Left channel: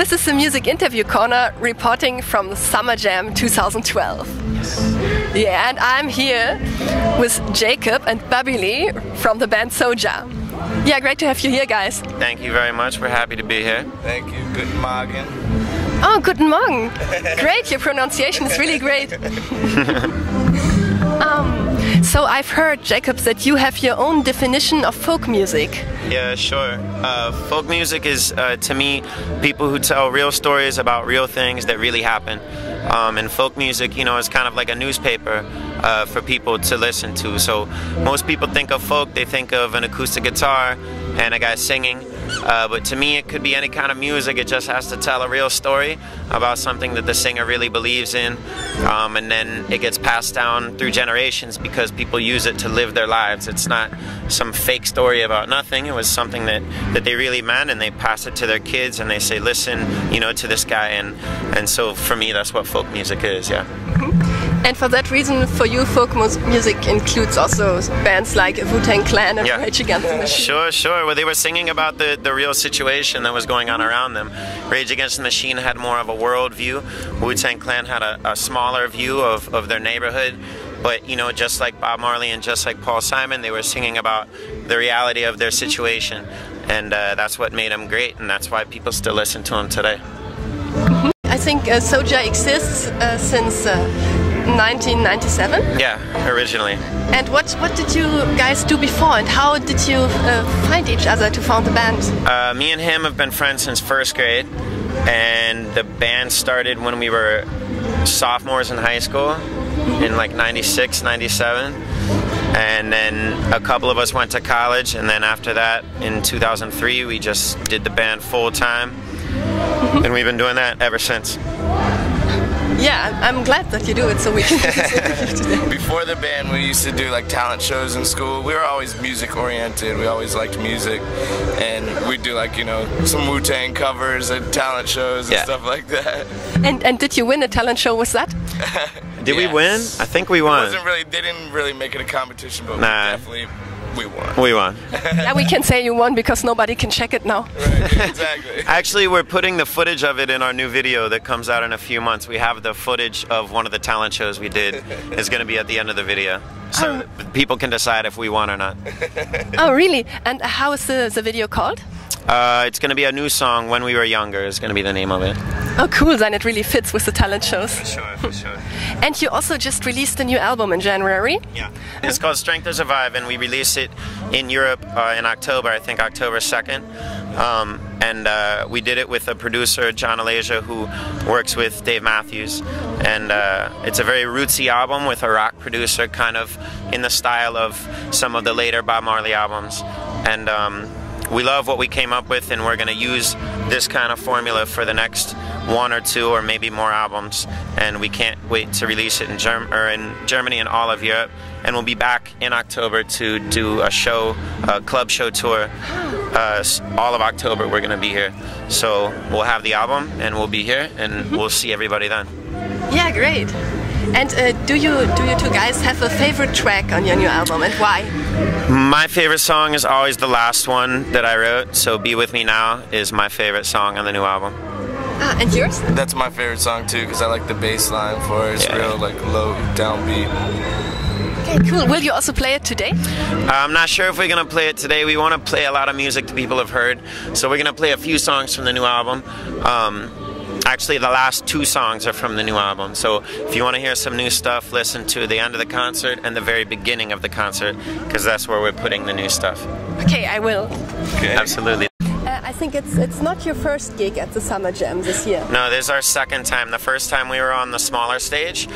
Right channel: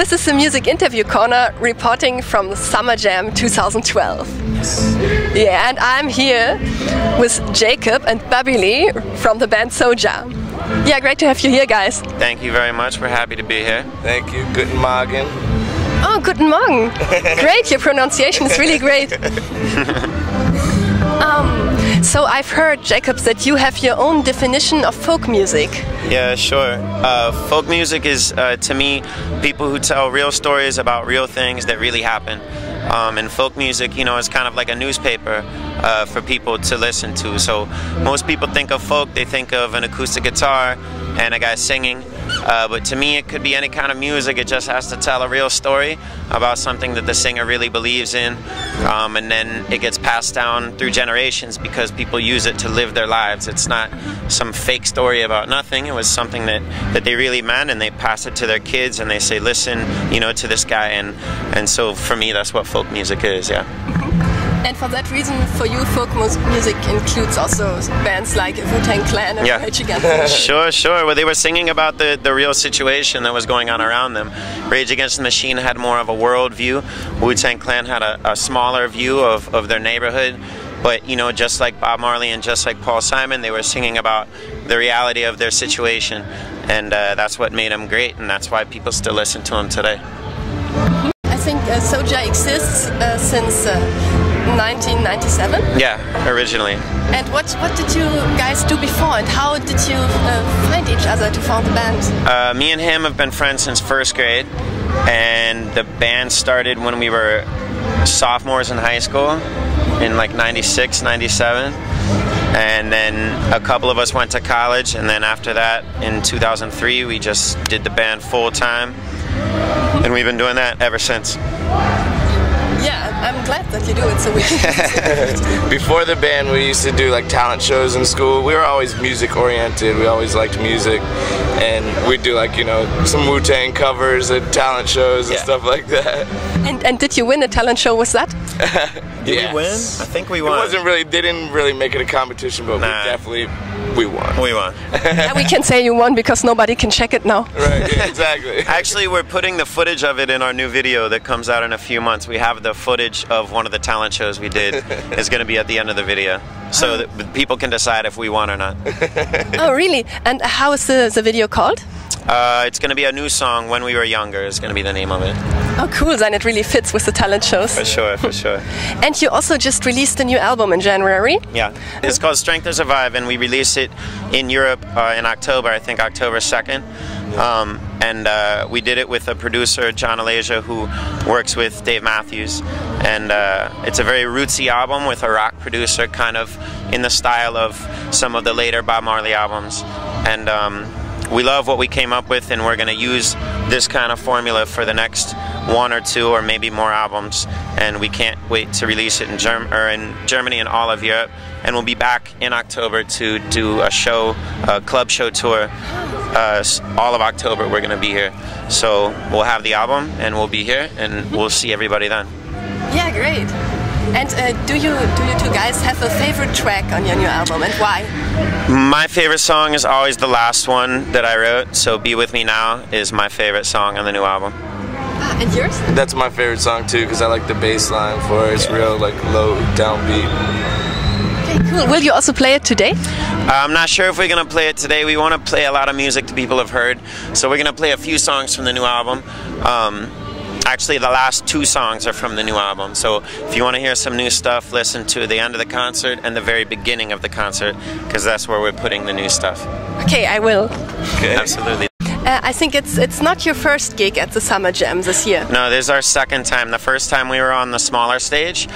This is the Music Interview Corner, reporting from the Summerjam 2012. Yes. Yeah, and I'm here with Jacob and Babili from the band Soja. Yeah, great to have you here, guys. Thank you very much. We're happy to be here. Thank you. Guten Morgen. Oh, guten Morgen. Great, your pronunciation is really great. So I've heard, Jacob, that you have your own definition of folk music. Yeah, sure. Folk music is, to me, people who tell real stories about real things that really happen. And folk music, you know, is kind of like a newspaper for people to listen to. So most people think of folk, they think of an acoustic guitar and a guy singing. But to me, it could be any kind of music. It just has to tell a real story about something that the singer really believes in. And then it gets passed down through generations because people use it to live their lives. It's not some fake story about nothing. It was something that they really meant, and they pass it to their kids and they say, listen, you know, to this guy. And so for me, that's what folk music is, yeah. And for that reason, for you, folk music includes also bands like Wu-Tang Clan and Rage Against the Machine. Sure. Well, they were singing about the real situation that was going on around them. Rage Against the Machine had more of a world view. Wu-Tang Clan had a smaller view of their neighborhood. But, you know, just like Bob Marley and just like Paul Simon, they were singing about the reality of their situation. And that's what made them great, and that's why people still listen to them today. I think Soja exists since 1997? Yeah, originally. And what did you guys do before, and how did you find each other to found the band? Me and him have been friends since first grade, and the band started when we were sophomores in high school in like 96, 97. And then a couple of us went to college, and then after that in 2003 we just did the band full time. And we've been doing that ever since. Yeah, I'm glad that you do it, so we can Before the band, we used to do like talent shows in school. We were always music oriented. We always liked music, and we'd do like, you know, some Wu-Tang covers at talent shows and stuff like that. And did you win a talent show with that? Did we win? I think we won. It wasn't really. They didn't really make it a competition, but we won. We won. Yeah, we can say you won because nobody can check it now. Right, yeah, exactly. Actually, we're putting the footage of it in our new video that comes out in a few months. We have the footage of one of the talent shows we did. It's going to be at the end of the video, so that people can decide if we won or not. Oh, really? And how is the video called? It's going to be a new song, When We Were Younger is going to be the name of it. Oh, cool. Then it really fits with the talent shows. For sure, for sure. And you also just released a new album in January. Yeah. It's called Strength to Survive, and we released it in Europe in October, I think October 2nd. And we did it with a producer, John Alasia, who works with Dave Matthews. And it's a very rootsy album with a rock producer, kind of in the style of some of the later Bob Marley albums. And we love what we came up with, and we're going to use this kind of formula for the next one or two or maybe more albums. And we can't wait to release it in Germany and all of Europe. And we'll be back in October to do a show, a club show tour. All of October we're going to be here. So we'll have the album, and we'll be here, and we'll see everybody then. Yeah, great. And do you two guys have a favorite track on your new album, and why? My favorite song is always the last one that I wrote, so Be With Me Now is my favorite song on the new album. Ah, and yours? That's my favorite song too, because I like the bass line for it. It's real like low downbeat. Okay, cool. Will you also play it today? I'm not sure if we're going to play it today. We want to play a lot of music that people have heard, so we're going to play a few songs from the new album. Actually, the last two songs are from the new album, so if you want to hear some new stuff, listen to the end of the concert and the very beginning of the concert, because that's where we're putting the new stuff. Okay, I will. Okay. Absolutely. I think it's not your first gig at the Summerjam this year. No, this is our second time. The first time we were on the smaller stage,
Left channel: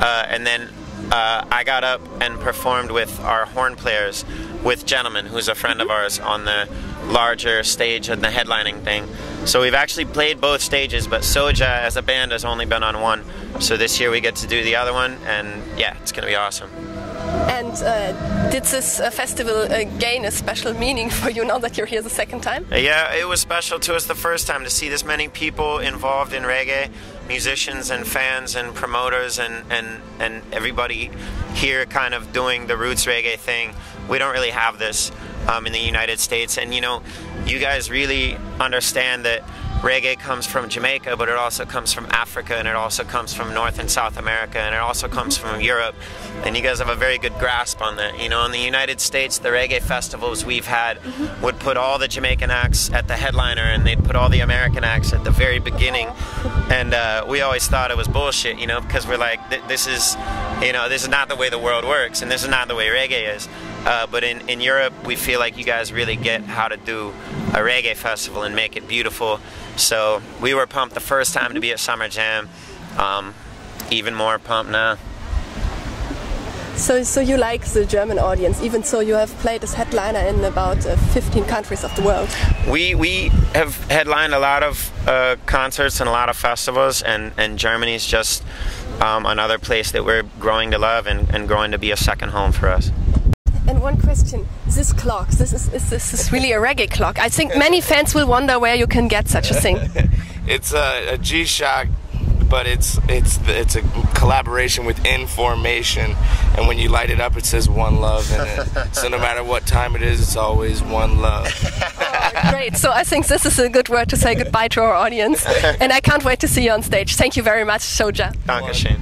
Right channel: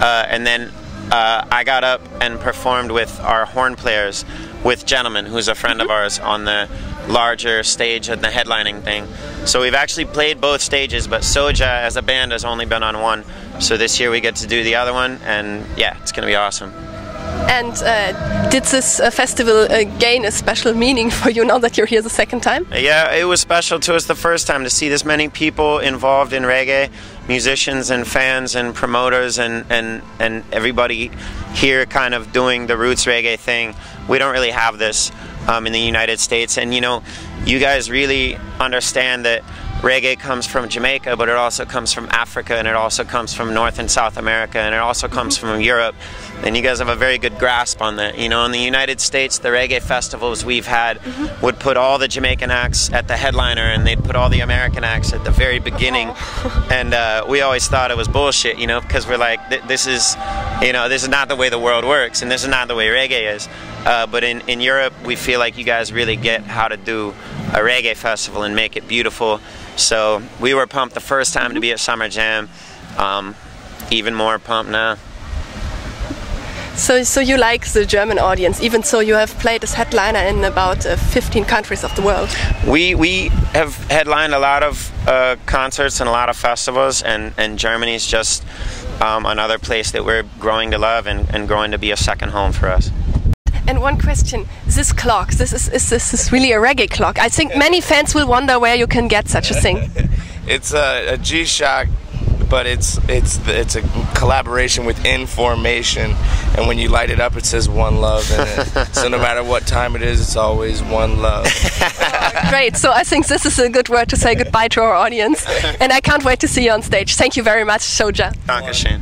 and then I got up and performed with our horn players, with Gentleman, who's a friend of ours, on the larger stage and the headlining thing. So we've actually played both stages, but Soja as a band has only been on one. So this year we get to do the other one, and yeah, it's going to be awesome. And did this festival gain a special meaning for you now that you're here the second time? Yeah, it was special to us the first time to see this many people involved in reggae, musicians and fans and promoters and everybody here kind of doing the roots reggae thing. We don't really have this in the United States, and you know, you guys really understand that reggae comes from Jamaica, but it also comes from Africa, and it also comes from North and South America, and it also comes from Europe. And you guys have a very good grasp on that. You know, in the United States, the reggae festivals we've had would put all the Jamaican acts at the headliner, and they'd put all the American acts at the very beginning. And we always thought it was bullshit, you know, because we're like, this is, you know, this is not the way the world works, and this is not the way reggae is. But in Europe, we feel like you guys really get how to do a reggae festival and make it beautiful. So we were pumped the first time to be at Summerjam. Even more pumped now. So you like the German audience, even so you have played as headliner in about 15 countries of the world. We have headlined a lot of concerts and a lot of festivals, and Germany's just another place that we're growing to love and growing to be a second home for us. And one question, this clock, this is really a reggae clock. I think many fans will wonder where you can get such a thing. It's a G-Shock, but it's a collaboration with Information, and when you light it up, it says One Love in it. So no matter what time it is, it's always One Love. Great, so I think this is a good word to say goodbye to our audience, and I can't wait to see you on stage. Thank you very much, Soja. Dankeschön.